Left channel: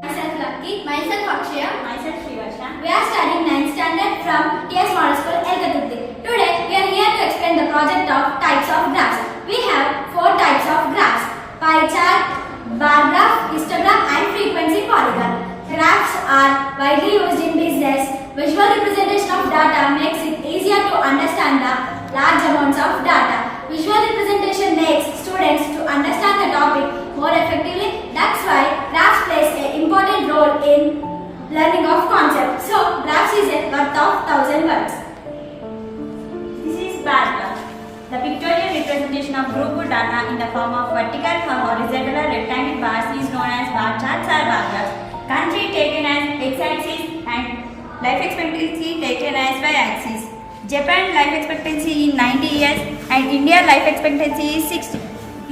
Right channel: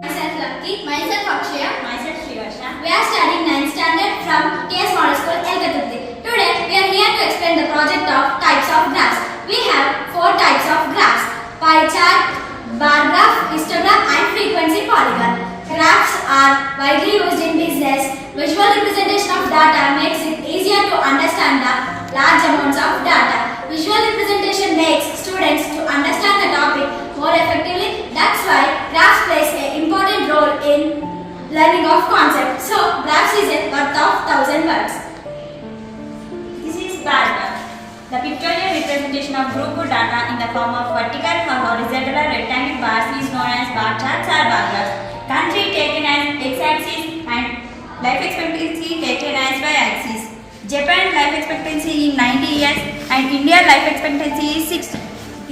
Myself Lucky. Myself Akshaya. Myself Srivasha. We are studying 9th standard from TS Model School, Elkatutti. Today we are here to explain the project of types of graphs. We have 4 types of graphs: pie chart, bar graph, histogram and frequency polygon. Graphs are widely used in business. Visual representation of data makes it easier to understand the large amounts of data. Visual representation makes students to understand the topic more effectively. That's why graphs plays an important role in learning of concepts. So, graphs is a worth of 1000 words. This is bar graph. The pictorial representation of group data in the form of vertical or horizontal rectangle bars is known as bar charts or bar graphs. Country taken as x-axis and life expectancy taken as y-axis. Japan life expectancy is 90 years and India life expectancy is 60.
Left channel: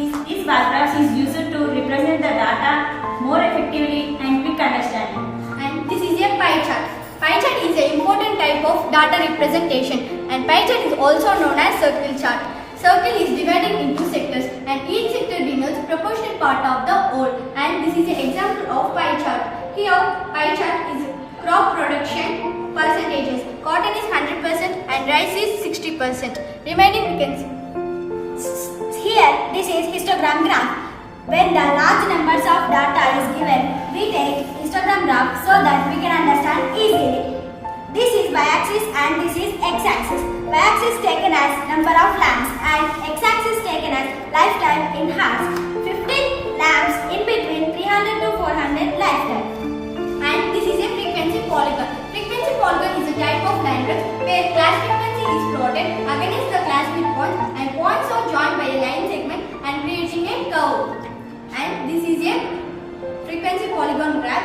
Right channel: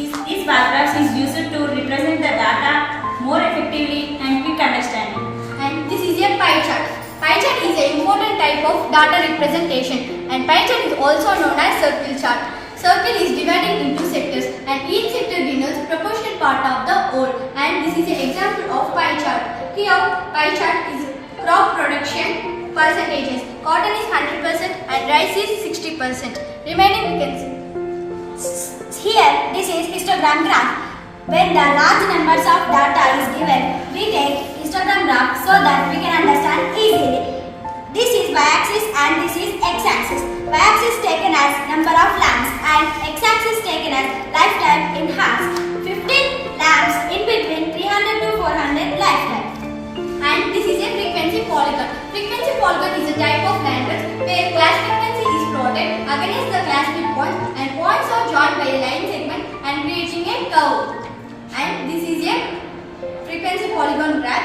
This bar graphs is used to represent the data more effectively and quick understanding. And this is a pie chart. Pie chart is an important type of data representation, and pie chart is also known as circle chart. Circle is divided into sectors and each sector denotes proportional part of the whole, and this is an example of pie chart. Here pie chart is crop production percentages. Cotton is 100% and rice is 60%. Remaining we can see. Here this is histogram graph. When the large numbers of data is given, we take histogram graph so that we can understand easily. This is y-axis and this is x-axis. Y-axis taken as number of lamps and x-axis taken as lifetime in hands. 15 lamps in between 300 to 400 lifetime. And this is a frequency polygon. Frequency polygon is a type of diagram where class frequency is plotted against the class midpoint and points are joined by a line segment and creating a curve. And this is a frequency polygon graph.